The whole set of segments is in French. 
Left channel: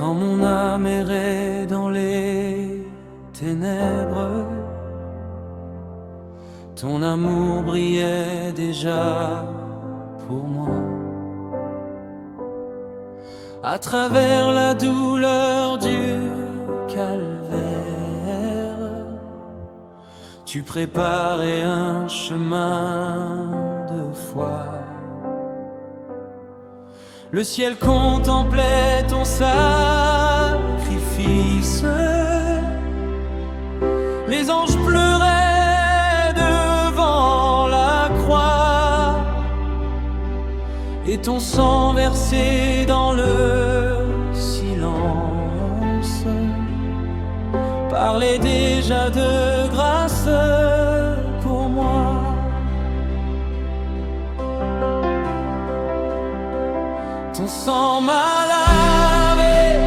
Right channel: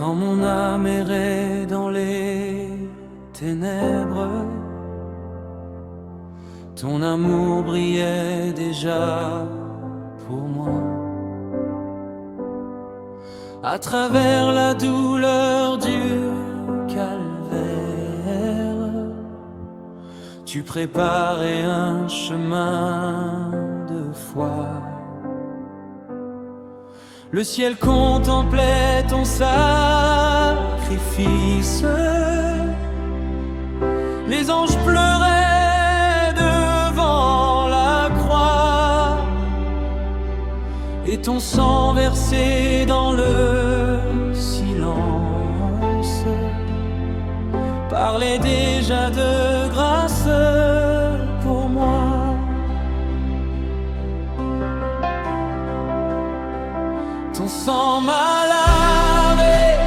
Quand mon âme errait dans les ténèbres, ton amour brillait déjà pour moi. À travers la douleur du calvaire, tu préparais un chemin de foi. Le ciel contemplait ton sacrifice, les anges pleuraient devant la croix, et ton sang versé dans le silence parlait déjà de grâce pour moi. Ton sang m'a lavé,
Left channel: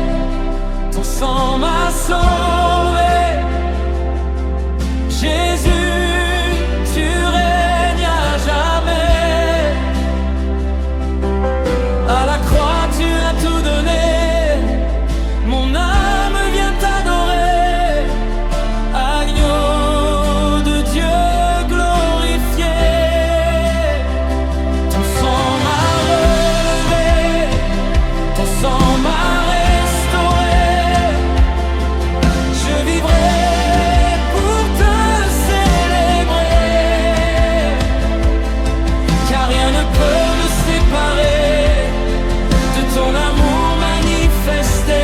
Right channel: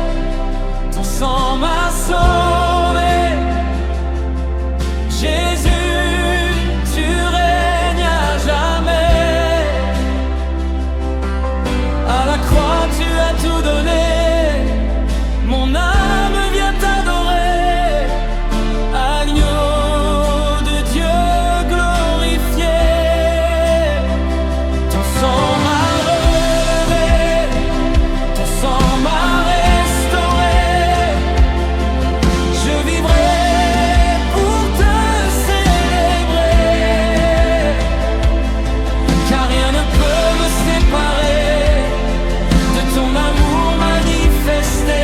ton sang m'a sauvé. Jésus, tu règnes à jamais. À la croix, tu as tout donné. Mon âme vient t'adorer. Agneau de Dieu glorifié. Ton sang m'a sang m'a restauré. Je vivrai pour te célébrer, car rien ne peut me séparer de ton amour manifesté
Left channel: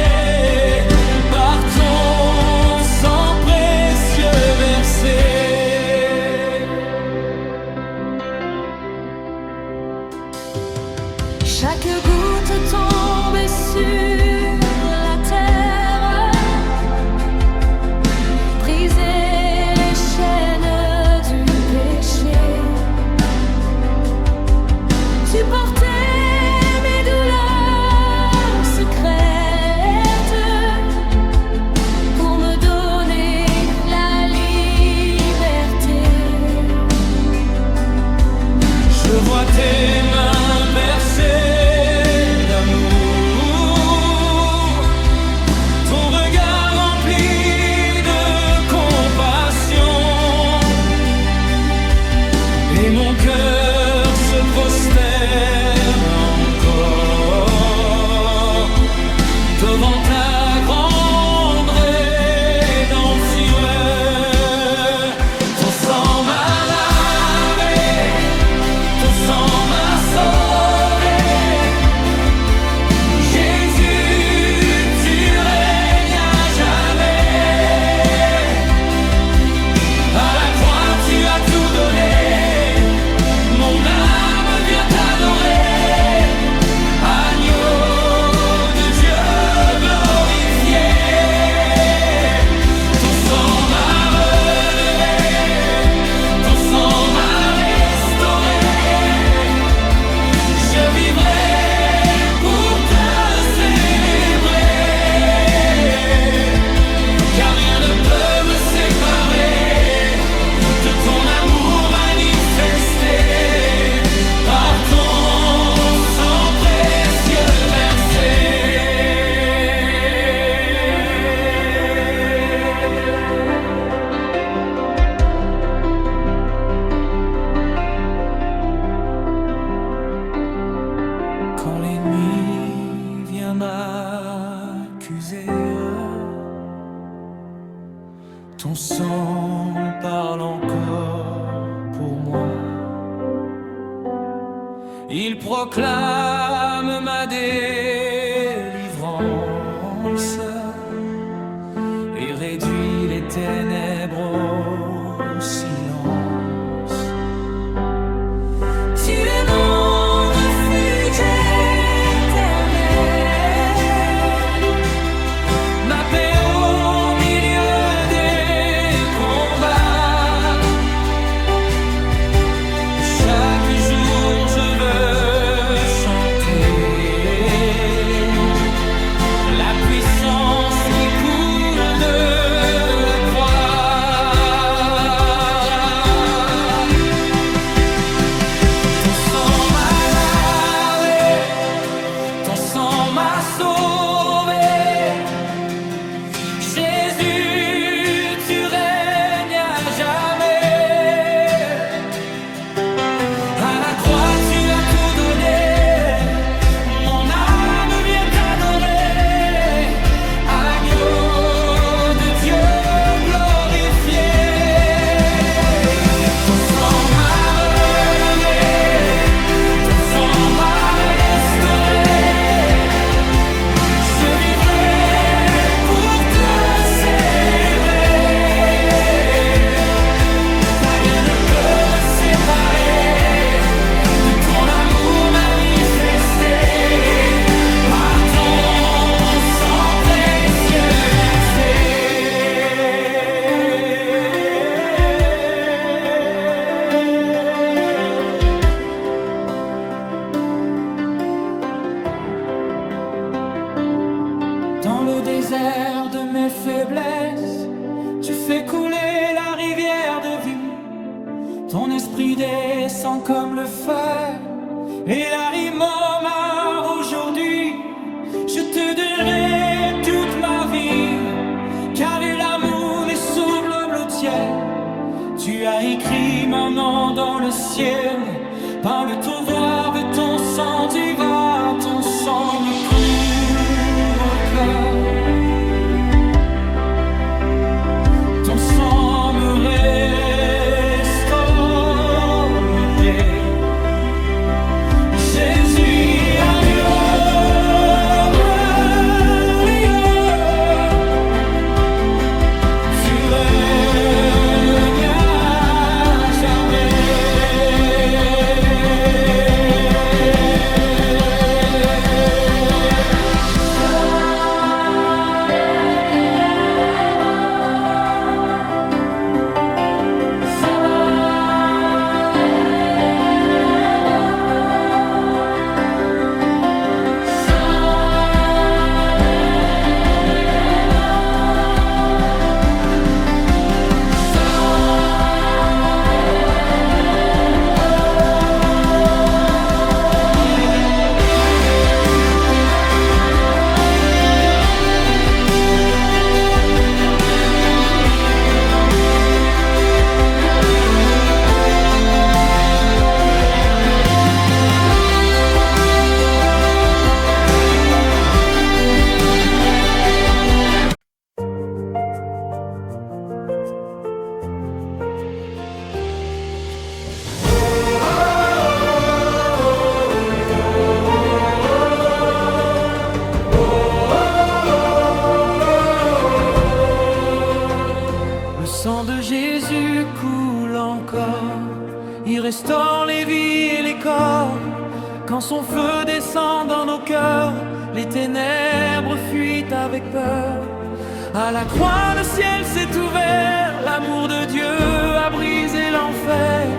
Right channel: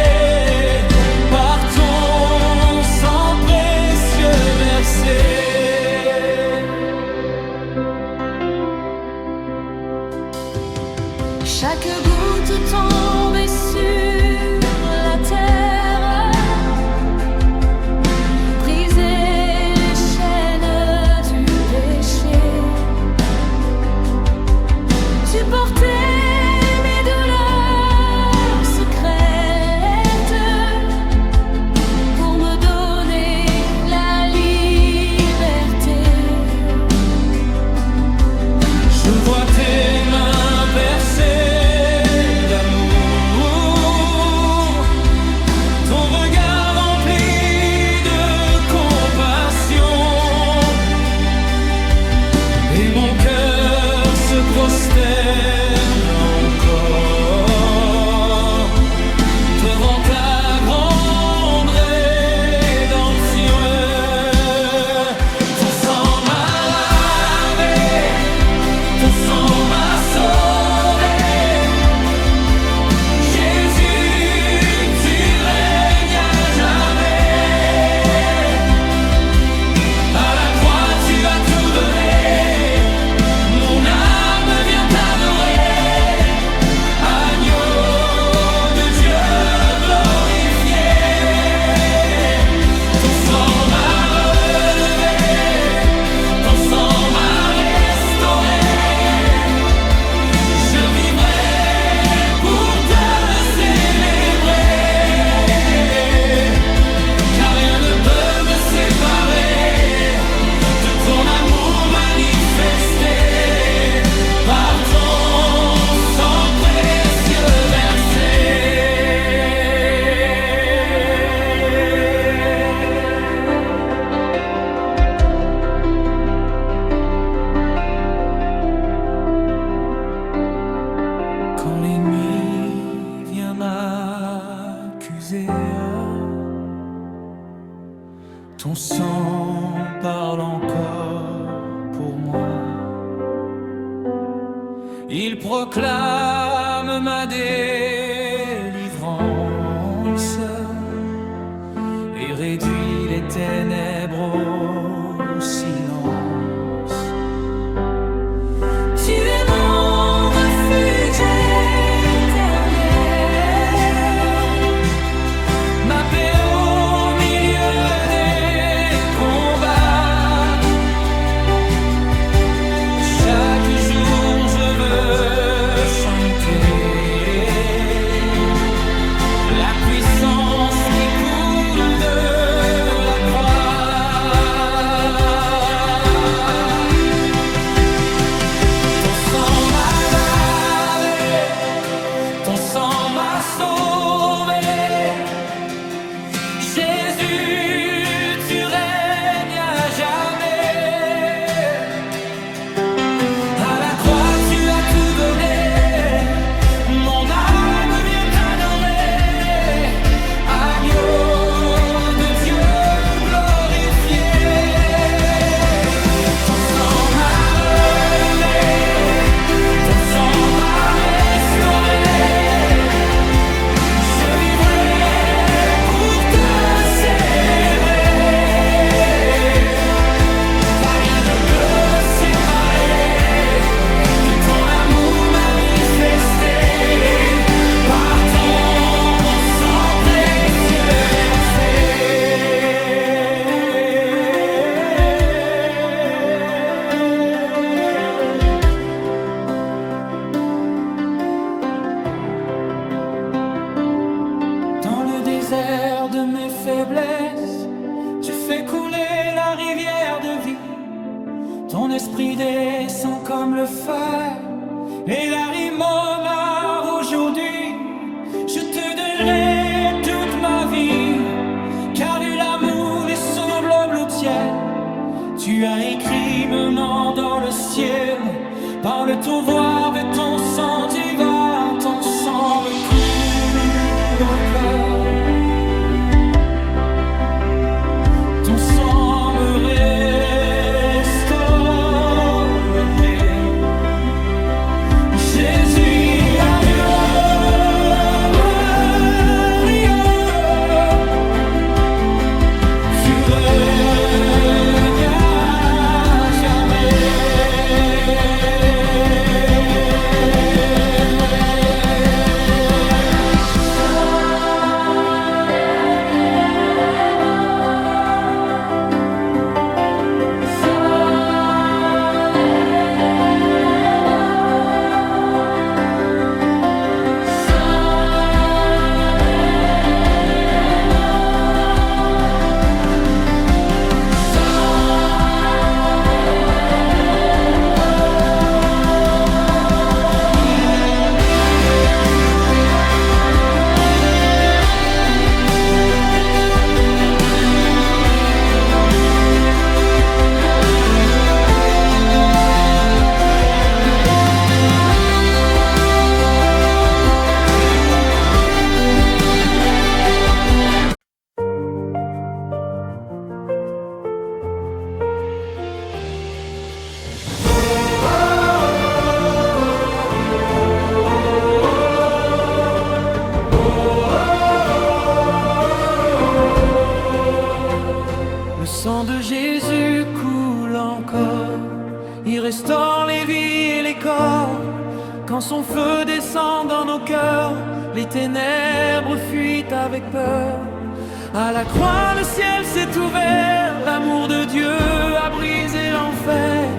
par ton sang précieux versé. Chaque goutte tombée sur la terre, briser les chaînes du péché. Tu portais mes douleurs secrètes pour me donner la liberté. Je vois tes mains percées d'amour, ton regard rempli de compassion, et mon cœur se prosterne encore devant ta grande rédemption. Ton sang m'a lavé, ton sang m'a sauvé. Quand l'ennemi vient m'accuser, ton sang parle encore pour moi. Il proclame ma délivrance et réduit les ténèbres au silence. Tu es mon refuge éternel, ma paix au milieu des combats. Chaque jour je veux chanter la puissance qui coule de la croix. Ton sang m'a lavé. le désert de mes faiblesses, tu fais couler la rivière de vie. Ton esprit descend comme le feu et la rime au mar aujourd'hui. Je te donnerai toute ma vie, car l'amour est sous le ciel. Tu as écrit mon nom dans le ciel, par le touvoir de ton sang divin, ton sang me couvre le cœur. Ton sang me restaurerait. Jésus, adieu, Maria, tu règnes à jamais. Le sang de Jésus coule encore, il restaure les vies et les corps. Quand son feu descend dans nos cœurs, les ténèbres fuient avec peur. À la croix, le ciel s'est ouvert, l'amour de Dieu a brisé l'enfer.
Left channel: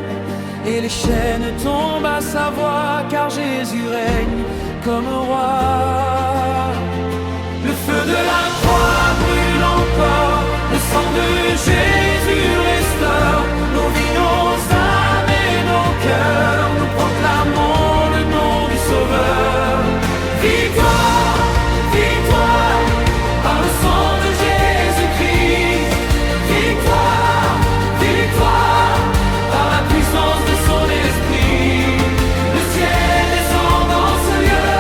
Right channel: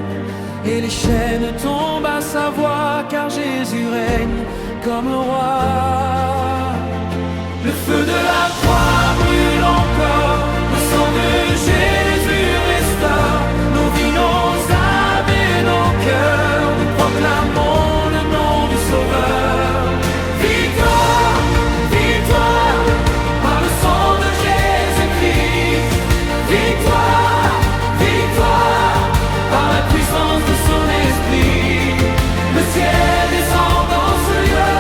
Et les chaînes tombent à sa voix, car Jésus règne comme roi. Le feu de la croix brûle encore, le sang de Jésus restaure nos vies, nos âmes et nos cœurs. Nous proclamons le nom du Sauveur. Victoire, victoire, par le sang de Jésus-Christ. Victoire, victoire, par la puissance de son esprit. Le ciel descend dans ce lieu,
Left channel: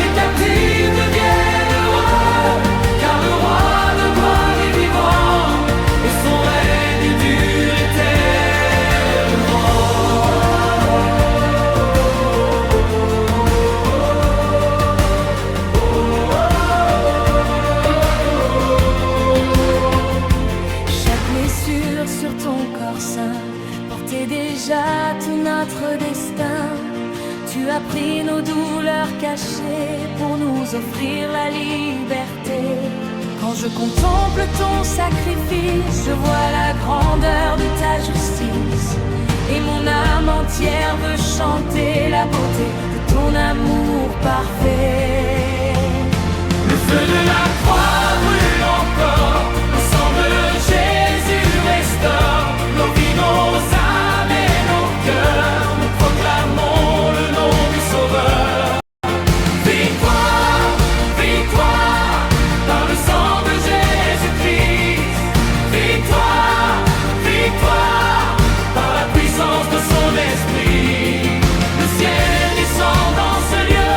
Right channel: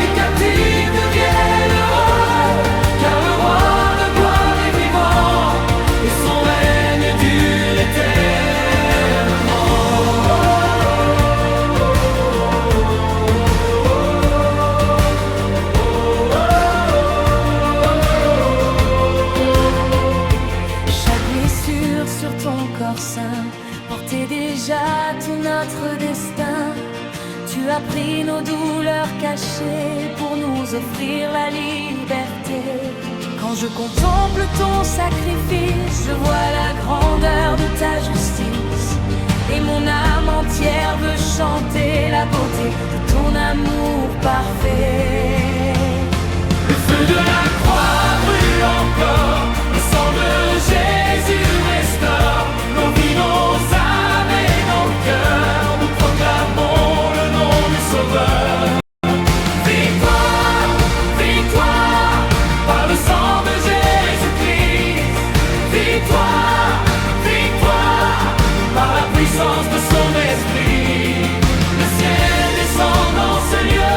les captifs deviennent heureux, car le roi de gloire est vivant, et son règne dure éternellement. Chaque blessure sur ton corps saint portait déjà tout notre destin. Tu as pris nos douleurs cachées pour nous offrir la liberté. Quand je contemple ton sacrifice, je vois la grandeur de ta justice. Et mon âme entière veut chanter la beauté de ton amour parfait. Le feu de la croix brûle encore, le sang de Jésus restaure nos vies, nos âmes et nos cœurs. Nous proclamons le nom du Sauveur. Victoire, victoire, par le sang de Jésus-Christ. Victoire, victoire, par la puissance de son esprit. Le ciel descend dans ce lieu,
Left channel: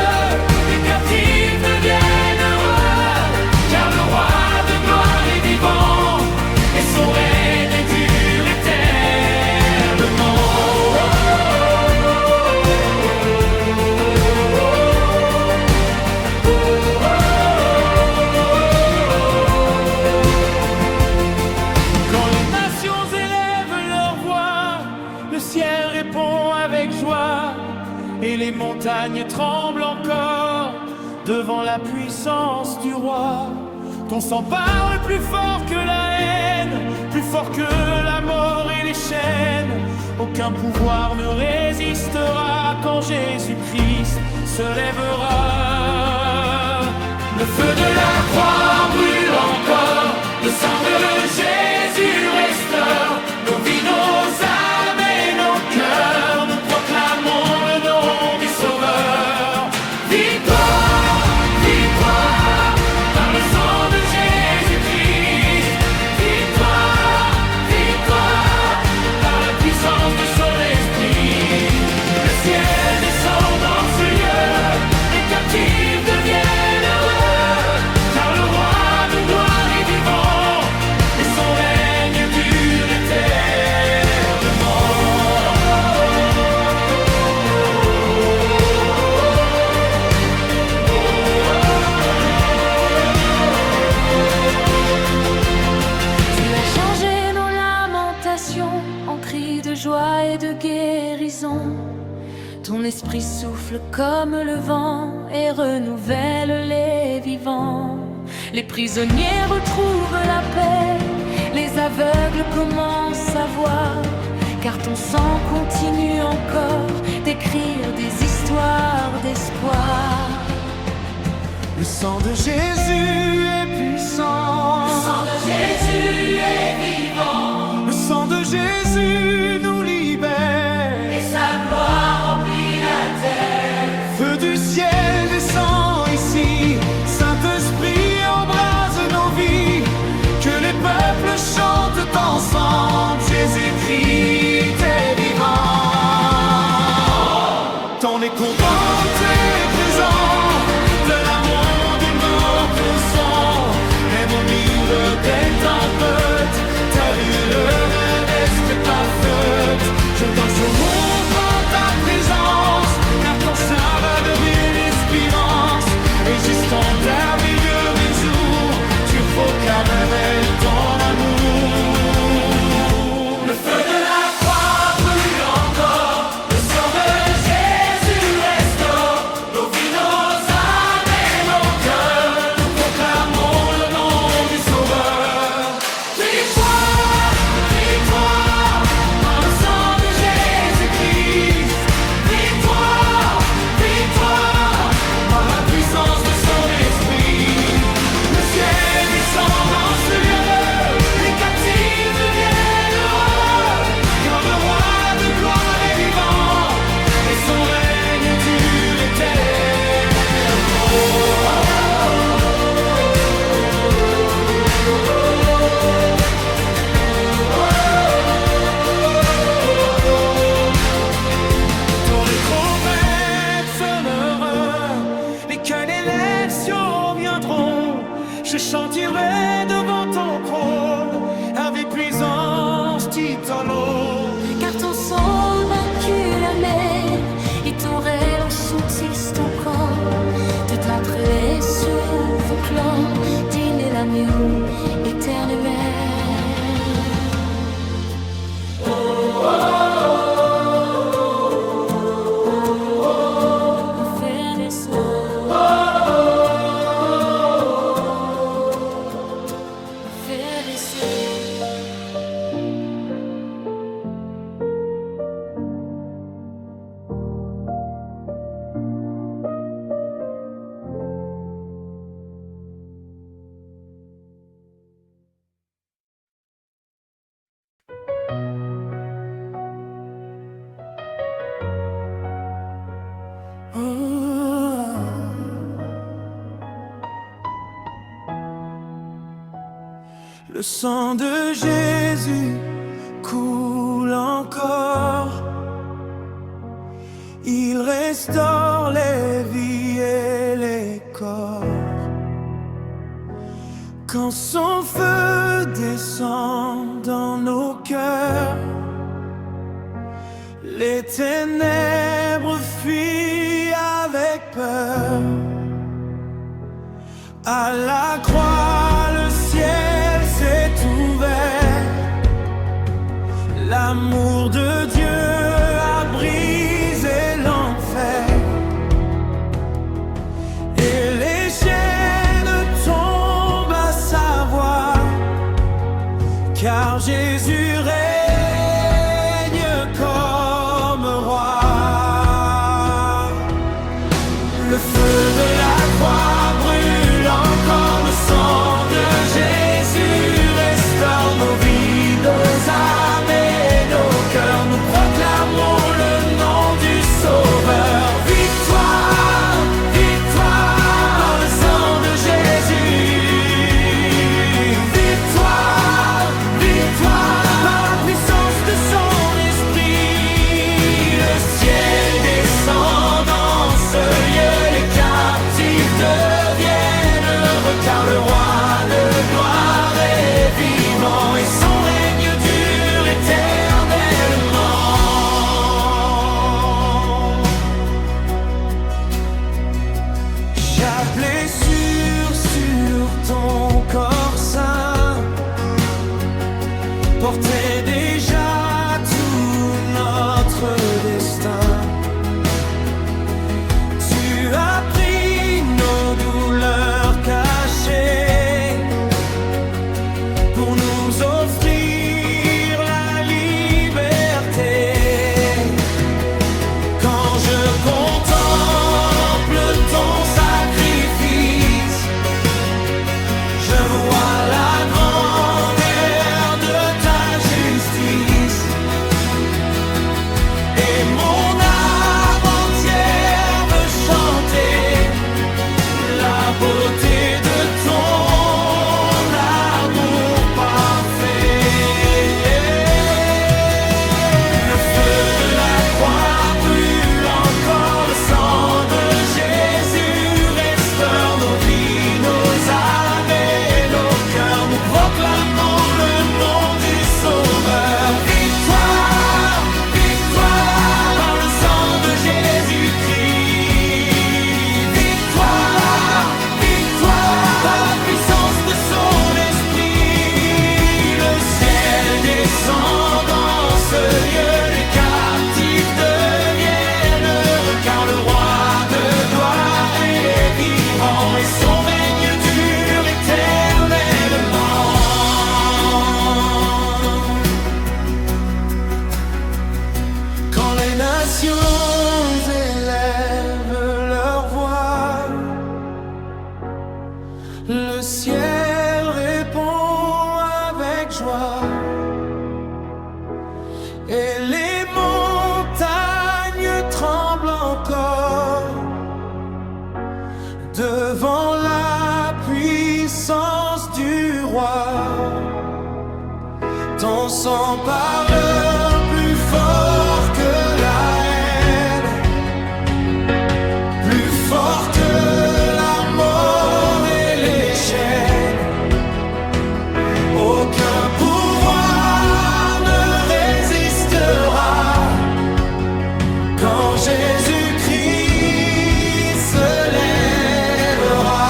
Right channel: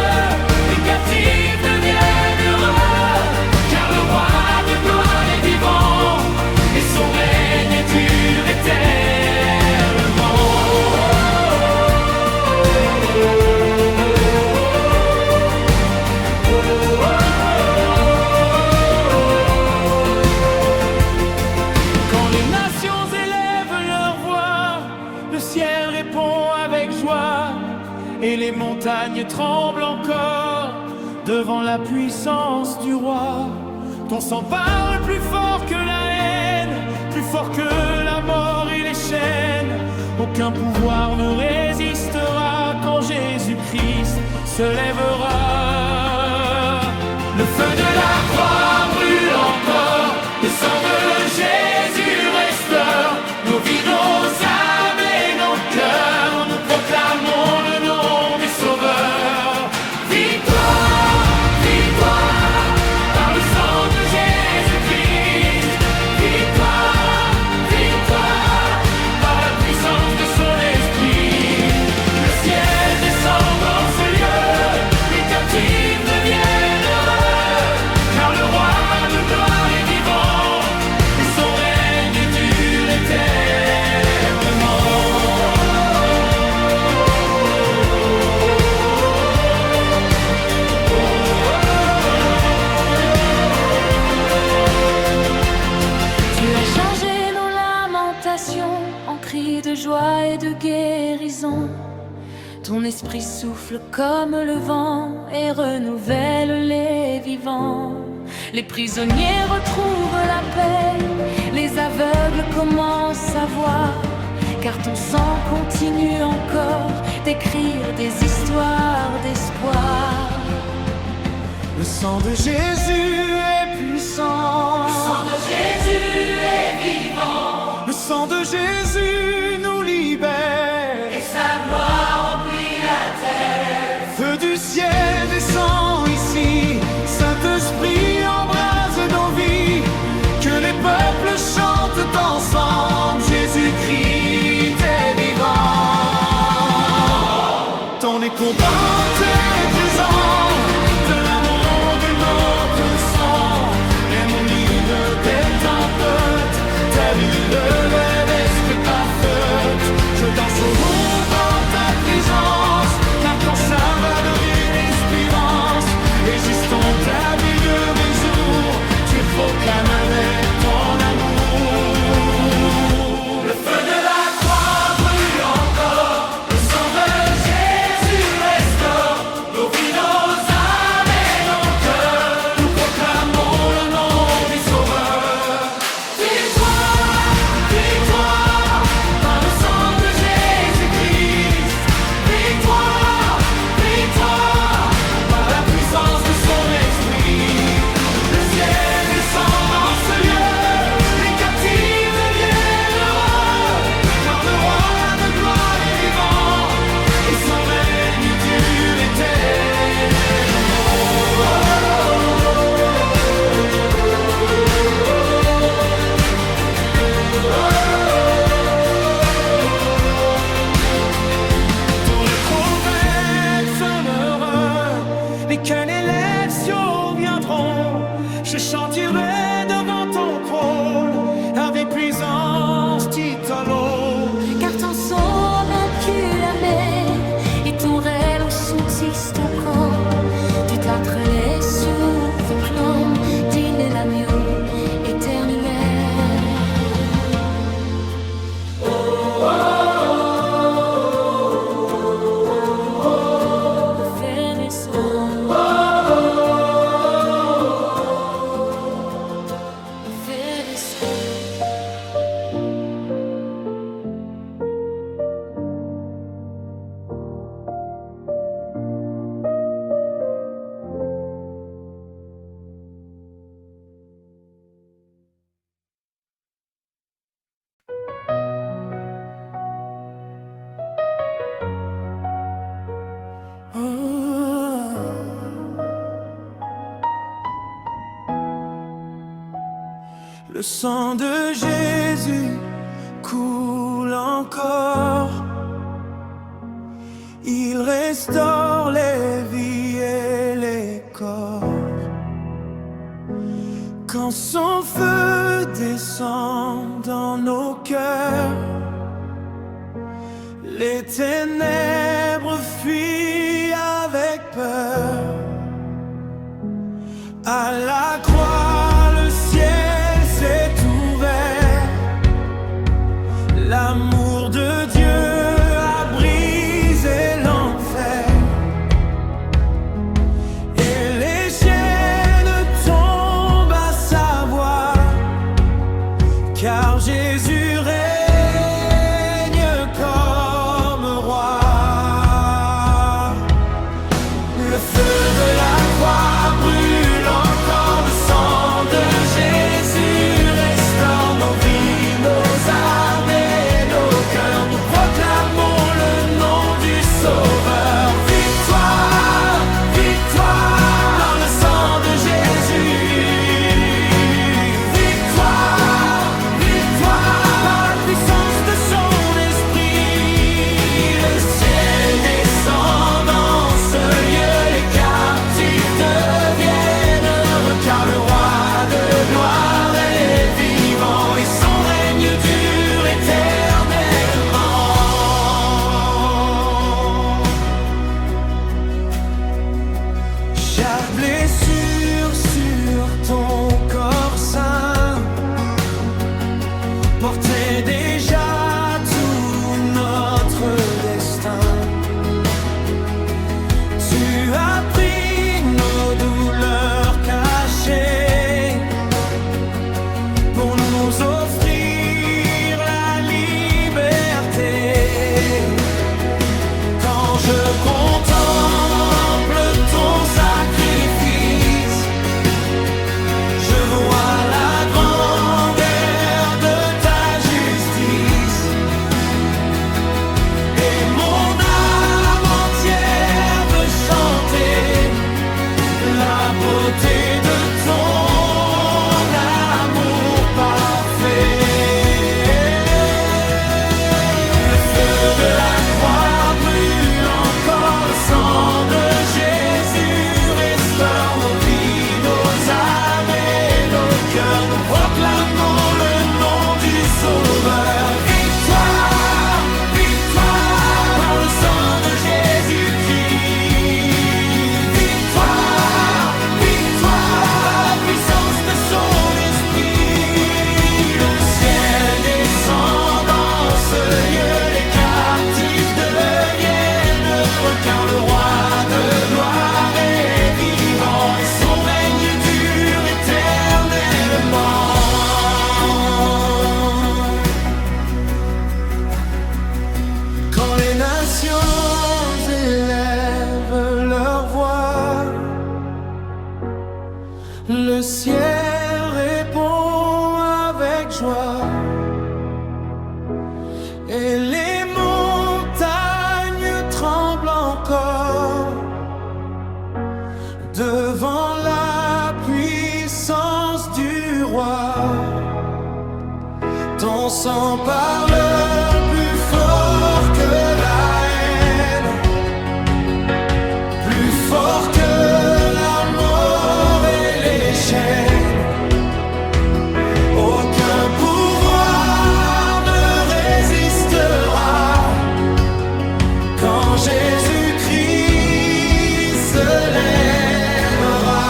les captifs deviennent heureux, car le roi de gloire est vivant, et son règne dure éternellement. Quand les nations élèvent leur voix, le ciel répond avec joie, et les montagnes tremblent encore devant la puissance du roi. Ton sang parle plus fort que la haine, plus fort que la mort et les chaînes. Aucun pouvoir ne résistera quand Jésus-Christ se lèvera. Le feu de la croix encore. Le sang de Jésus restaure nos vies, nos âmes et nos cœurs. Nous proclamons le nom du Sauveur. Victoire, victoire, par le sang de Jésus-Christ. Victoire, victoire, par la puissance de son esprit. Le ciel descend dans ce lieu, les captifs deviennent heureux, car le roi de gloire est vivant, et son règne dure éternellement. Tu as changé nos lamentations en cris de joie et de guérison. Ton esprit souffle comme le vent et renouvelle les vivants. Les prisonniers retrouvent la paix, les aveugles commencent à voir, car ton sang continue encore d'écrire des histoires d'espoir. Le sang de Jésus est puissant. Le sang de Jésus est vivant. Le sang de Jésus nous libère. Et sa gloire remplit la terre. Feu du ciel descend ici. Saint-Esprit embrase nos vies. Que les peuples chantent ensemble. Jésus-Christ est vivant. Ton écho porte présent de l'amour de notre sang. Aimons mille des tempêtes, terre ne reste pas faite. Je danse au monde en ta présence, car ton sein va devenir l'espérance. Et juste en terme de mes jours, tu proclamerais ton amour. Le feu de la croix brûle encore, le sang de Jésus restaure nos vies, nos âmes et nos cœurs. Nous proclamons le nom du Sauveur. Victoire, victoire, par le sang de Jésus-Christ. Victoire, victoire, par la puissance de son esprit. Le ciel descend dans ce lieu, les captifs deviennent heureux, car le roi de gloire est vivant, et son règne dure éternellement. Ton écho sonnera, les qu'une élection viendront. Je chanterai devant ton trône avec puissance titolo. Car ton sang vaincu la mer et ton rêve sentisse ton corps. Toute la trésor proclame digne l'agneau éternel. Le fer et son fer et son. Le sang de Jésus coule encore. Il restaure les vies et les corps. Quand son feu descend dans nos cœurs, les ténèbres fuient avec peur. À la croix, le ciel s'est ouvert. L'amour de Dieu a brisé l'enfer. Et les chaînes tombent à savoir, car Jésus règne comme roi. Le feu de la croix brûle encore, le sang de Jésus portait déjà tout notre destin. Tu as pris nos douleurs cachées pour nous offrir la liberté. Quand je contemple ton sacrifice, je vois la grandeur de ta justice, et mon âme entière veut chanter la beauté de ton amour parfait. Le feu de la croix brûle encore, le sang de Jésus restaure nos vies, nos âmes et nos cœurs. Nous proclamons le nom du Sauveur. Victoire, victoire, par le sang de Jésus-Christ. Victoire, victoire, par la puissance de son esprit. Le ciel descend dans ce lieu, les captifs deviennent heureux, car le roi de gloire est vivant et son règne dure éternellement. Quand les nations élèvent leur voix, le ciel répond avec joie, et les montagnes tremblent encore devant la puissance du roi. Ton sang parle plus fort que la haine, plus fort que la mort et les chaînes. Aucun pouvoir ne résistera quand Jésus-Christ se lèvera.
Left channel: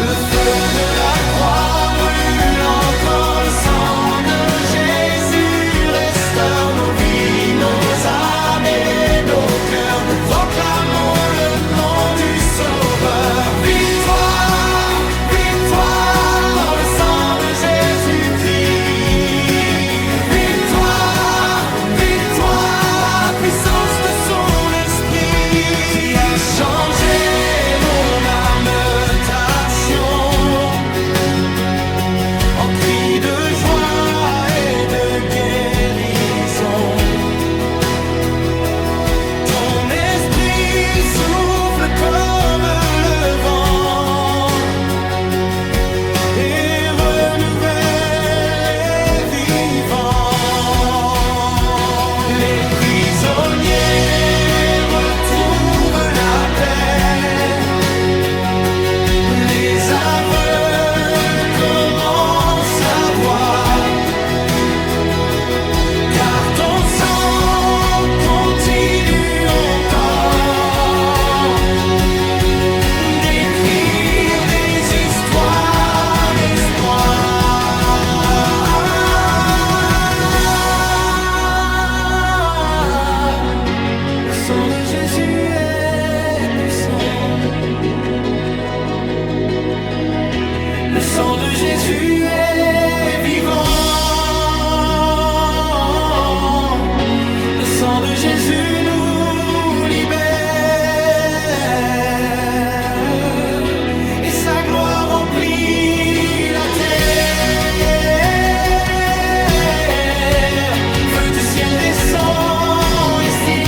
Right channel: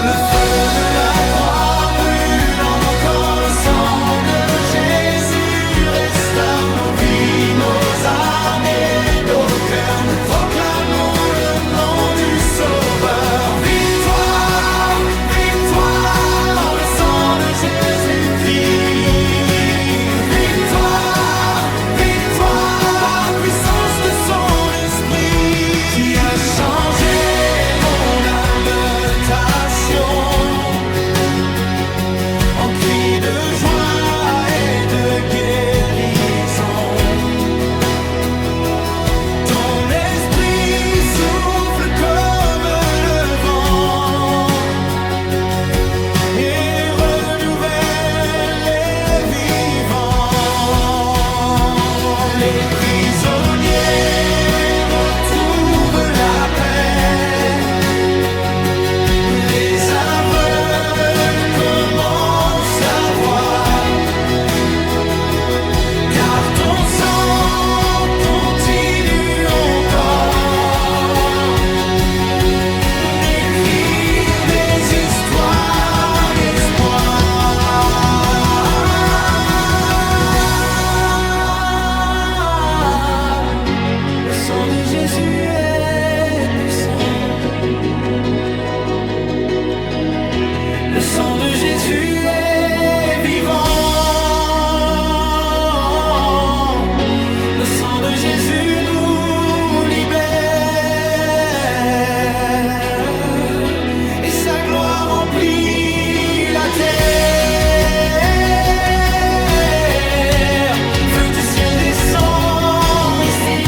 Le feu de la croix brûle encore, le sang de Jésus restaure nos vies, nos âmes et nos cœurs. Nous proclamons le nom du Sauveur. Victoire, victoire, par le sang de Jésus-Christ. Victoire, victoire, par la puissance de son esprit, qui a changé mon âme en cri de joie et de guérison. Ton esprit souffle comme le vent et renouvelle les vivants. Les prisonniers retrouvent la paix, les aveugles commencent à voir, car ton sang continue encore d'écrire des histoires d'espoir. Le sang de Jésus est puissant. Le sang de Jésus est vivant. Le sang de Jésus nous libère, et sa gloire remplit la terre. Feu du ciel descend ici.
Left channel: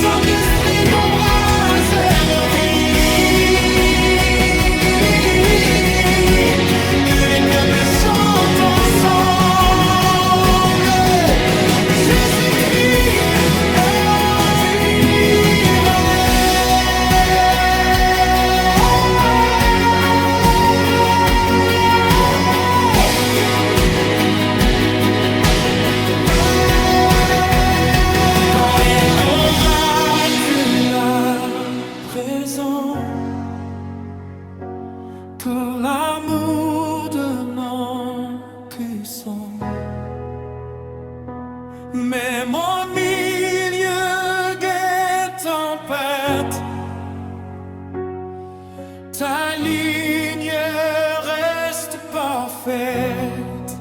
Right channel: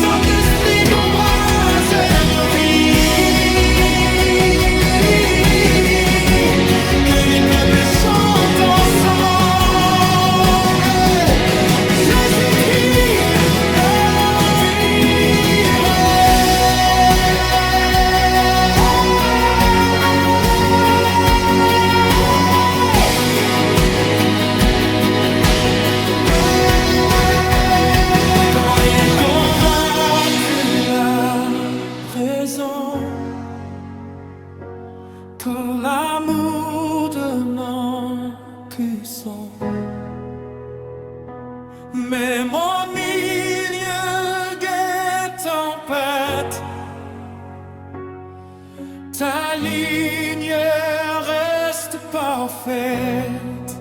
Saint-Esprit qu'embrasse nos vies, que les peuples chantent ensemble. que l'amour de notre puissant. Même au milieu des tempêtes, ta ligne reste parfaite.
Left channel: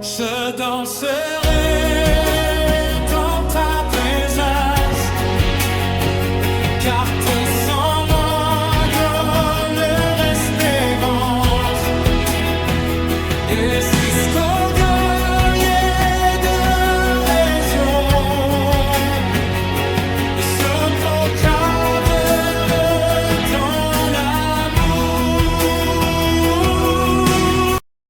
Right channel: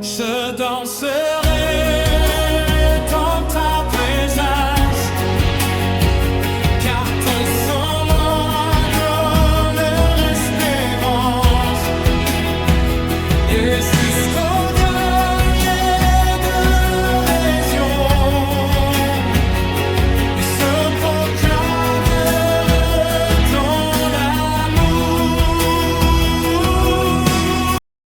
Je danserai